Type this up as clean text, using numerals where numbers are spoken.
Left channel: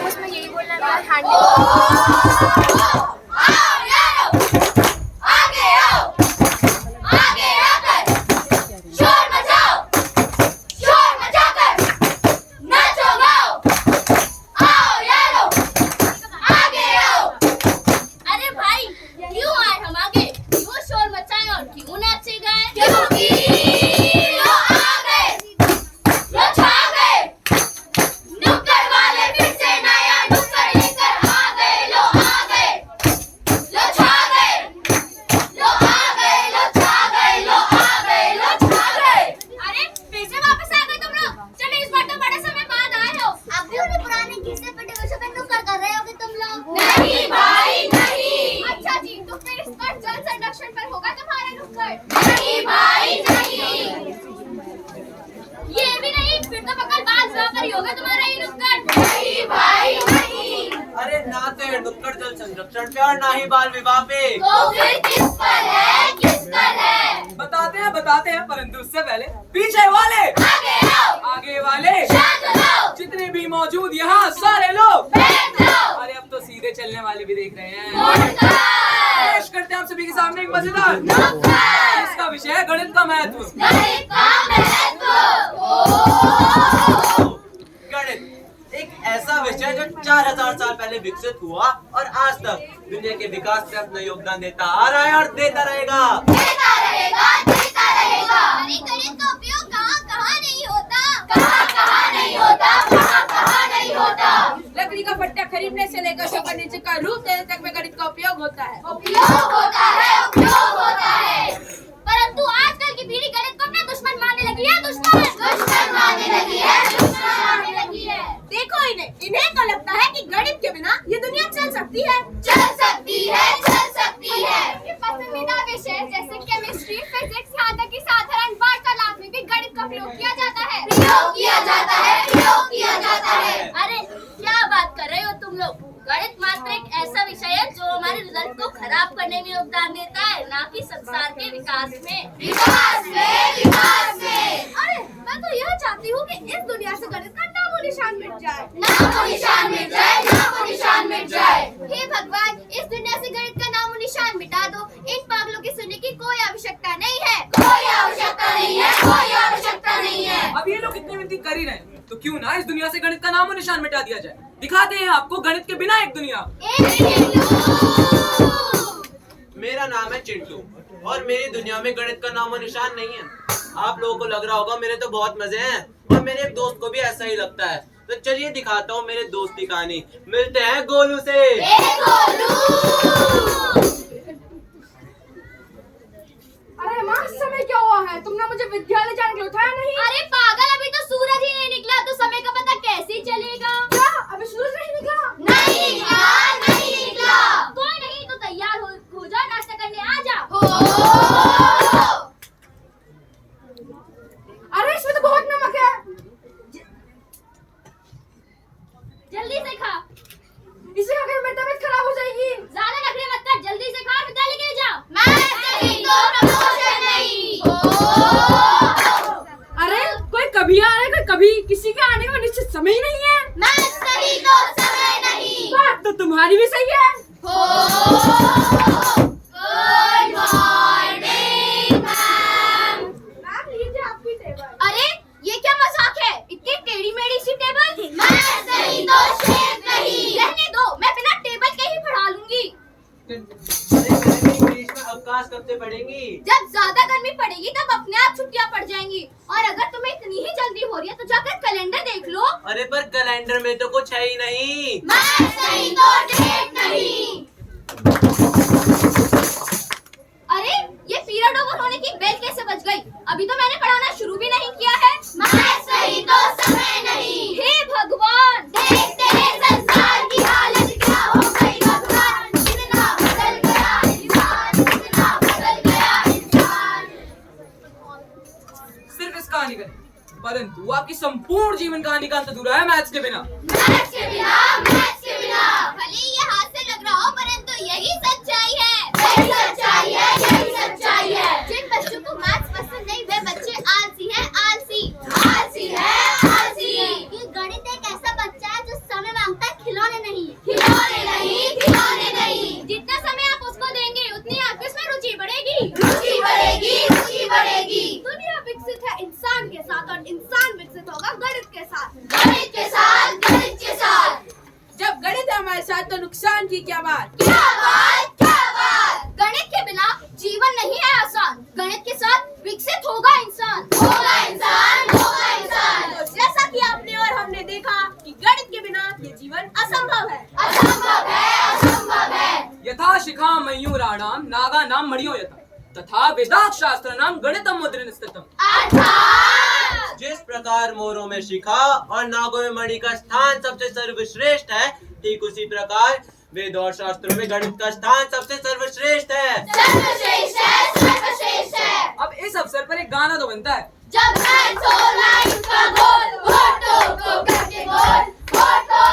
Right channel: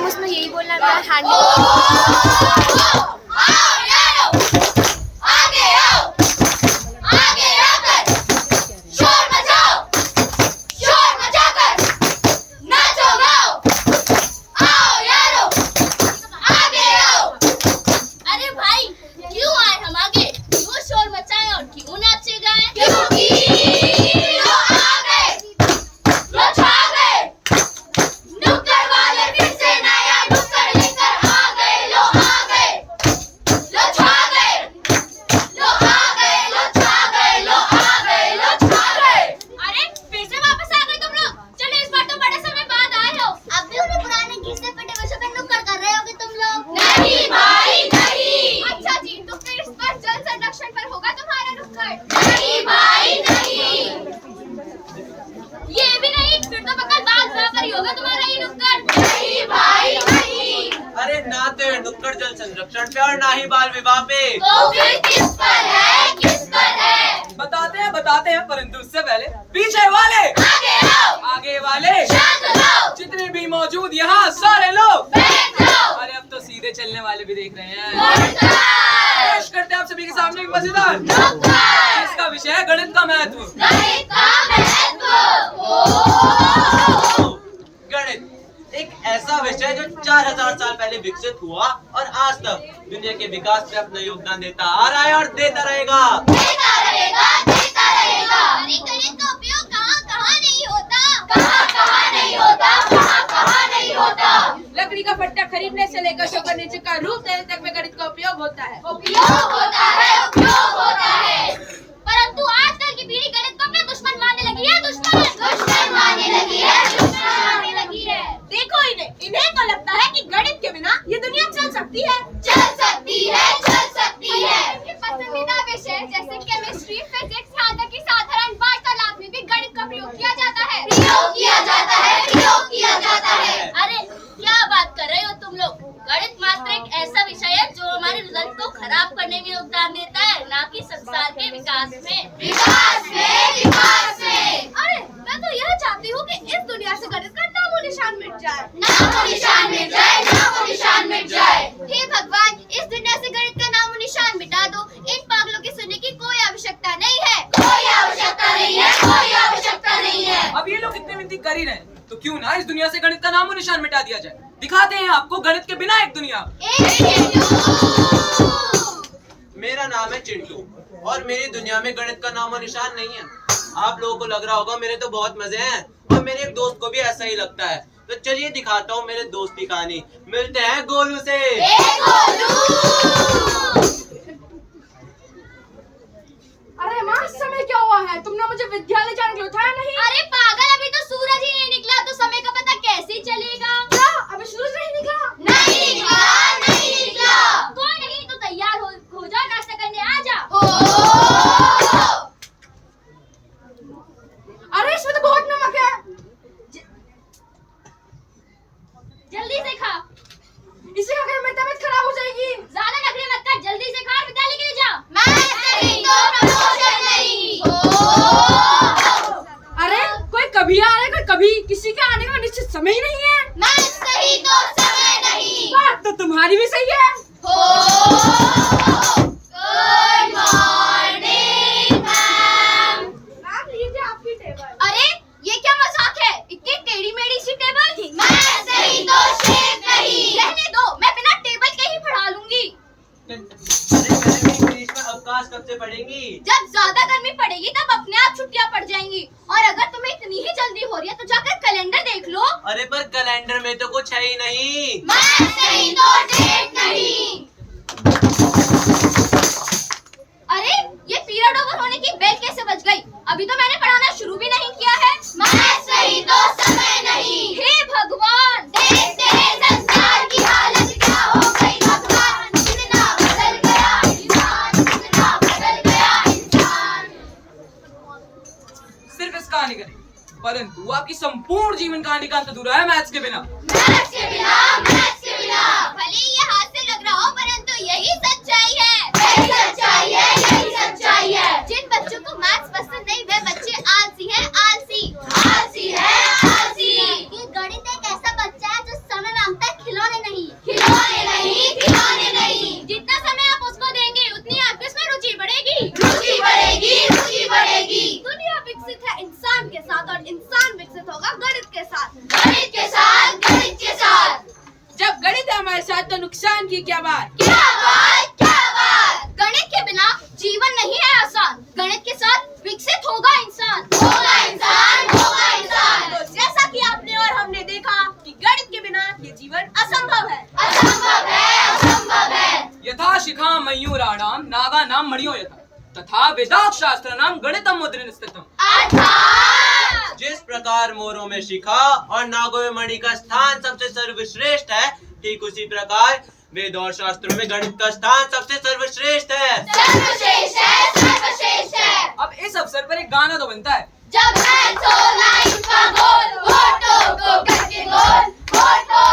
Ma'am उसमें यही बोलना है मेरा हैंड नुक्कड़ जल संरक्षण पे और ना ही बाल विवाह पे। तो फिर किस पर है, किस पर है? बताते हैं परंतु उससे पहले पीछे वाले आगे आओ, आगे वाले शांत रहो, जितने भी मौजूद यहाँ सारे लोग बैठ जाओ। अरे अब तो सीधे चलने वाले भी देख रहे हैं। मुर्गा। पेश करते हैं आप सभी के सामने एक मजेदार इसका विषय है गणित का महत्व। गणित का महत्व। गणित एक ऐसा विषय जो 4000 साल पहले विकसित हुआ और आज तक दुनिया के विकास में अपना योगदान देता आ रहा है और देता रहेगा। देता रहेगा, देता रहेगा। अरे गणित का उपयोग कहाँ कहाँ नहीं होता, कहाँ कहाँ नहीं होता, कहाँ कहाँ नहीं होता। लकड़ी का फट्टा खरीदने से लेकर शो फर्नीचर का रूप देने तक में गणित का उपयोग होता है। उपयोग होता है, उपयोग होता है। परंतु आजकल की पीढ़ी गणित को अपना दुश्मन मानने लगी है। दुश्मन मानने लगी है, दुश्मन मानने लगी है। देखो इन्हें तो लगता है कि गणित के बिना ये दुनिया चल सकती है। चल सकती है, चल सकती है। इनके पसंदीदा विषय जैसे केमिस्ट्री, फिजिक्स, यहाँ तक कि साधारण वार्तालाप में भी गणित का प्रयोग किया जाता है। प्रयोग किया जाता है, प्रयोग किया जाता है। अरे क्या बात कर रहे हो तुम लोग? गणित मात्र एक ऐसा विषय है जो हमारे रिजल्ट को खराब करने में योगदान देता है, ना कि संसार के विकास में। विकास में, विकास में। अरे मैं तो यह चाहती हूँ कि इस दुनिया से गणित का नामो निशान मिट जाए। नामो निशान मिट जाए, नामो निशान मिट जाए। हे भगवान, इस दुनिया से गणित का नामो निशान मिटा दो। इन पागलों के सुनने की कोई आवश्यकता नहीं है। कोई आवश्यकता नहीं है, कोई आवश्यकता नहीं है। अब ये लोग इतने विनती कर ही रहे हैं तो क्यों ना इस दुनिया से गणित का नामो निशान मिटा दिया जाए। दिखाते हैं आपको गणित के बिना एक दुनिया। मेरा नाम है चिंटू और मेरी दुनिया में गणित का नामो निशान नहीं है। आप लोगों को लग रहा होगा मेरे तो बहुत मजे हैं और मेरे एक दोस्त को भी ऐसा ही लगता है। तो चलिए दिखाता हूँ मेरे दोस्त की कहानी। मिलते हैं गोलू से। अरे माँ, इस समय क्या हुआ है? तुमने मुझे विद्यालय जाने के लिए उठाया नहीं। अरे पागल, अभी तो सूरज ही नहीं निकला तो समय का पता कैसे चलेगा? क्या अभी सूरज नहीं निकला? नहीं निकला, नहीं निकला। कोई नहीं तो तैयार हो जा, नाश्ता करने आ जा। अरे इसमें तो बहुत नमक है। जल्दी से खा। इसे खाकर मेरी तबीयत खराब हो जाएगी। ज्यादा नखरे मत कर, जल्दी से खा और विद्यालय के लिए जा। मैं नहीं तो प्रमोशन नहीं। अरे कोई कभी आ रहा है, कोई कभी। किसी के आने का निश्चित समय ही नहीं है। मैं सही तो समय नहीं। बात तो तुम्हारी भी सही है। Good morning ma'am. मैम, लीजिए आपकी टेबल। अरे ये क्या मजाक है? इतनी टेढ़ी मेढ़ी सी टेबल। मैं सही तो शेफ नहीं। रहने दो, मैं बिना टेबल के ही पढ़ा लूंगी। बीच में अवकाश कब से पढ़ेंगी? जब ज्यादा गर्मी पड़ेगी तब अपने आप छुट्टियां पड़ जाएंगी। और अगर तुम्हें इतनी ही जल्दी हो रही है तो जाकर कैलेंडर देख लो। अरे पर कैलेंडर में तो कुछ है ही नहीं। मैं सही तो डेट नहीं। अरे ये पीरियड ओवर होने की बेल कैसे बज गई? अभी तो मैंने पढ़ाना शुरू भी नहीं किया है। मैं सही तो समय नहीं। हे भगवान, देखते हैं संसार की हालत क्या हो गई। भगवान कितना बदल गया इंसान, कितना बदल गया इंसान। सिर्फ इस कहानी का नहीं परंतु आपकी संपूर्ण जीवन कहानी का अंत अधूरा है मैथ्स के बिना। मैथ्स के बिना, मैथ्स के बिना। भले ही ये हास्य लग रहा हो परंतु यही सच्चाई है। यही सच्चाई है, यही सच्चाई है। जिन बच्चों को मैथ्स पसंद नहीं वे बच्चे आलसी हैं, आलसी। आलसी है, आलसी। ये गणित एक ऐसा बच्चा है जो समय मांगता है, क्या बात। क्या बात, क्या बात। गणित के बिना जीवन नहीं है आसान, गणित के साथ विकसित होगा इंसान। होगा इंसान, होगा इंसान। तो जैसा कि आपने और हमने देखा कि गणित के बिना ये जीवन असंभव है। असंभव है, असंभव है। यथा शिखा मयूराणाम नागा नाम मणियो यथा तथा वेदांत शास्त्र नाम गणितम मुद्रण स्थितम। अर्थात जिस प्रकार मोरों में शिखा और नागों में मणि का स्थान सबसे सर्वश्रेष्ठ है, ठीक उसी प्रकार वेद और शास्त्रों में गणित का स्थान सबसे सर्वश्रेष्ठ है। सर्वश्रेष्ठ है, सर्वश्रेष्ठ है। अब इस अवसर पर एक गाना तो बनता है। जब मैं 16 इंच का गोल होठों को करके गोल, होठों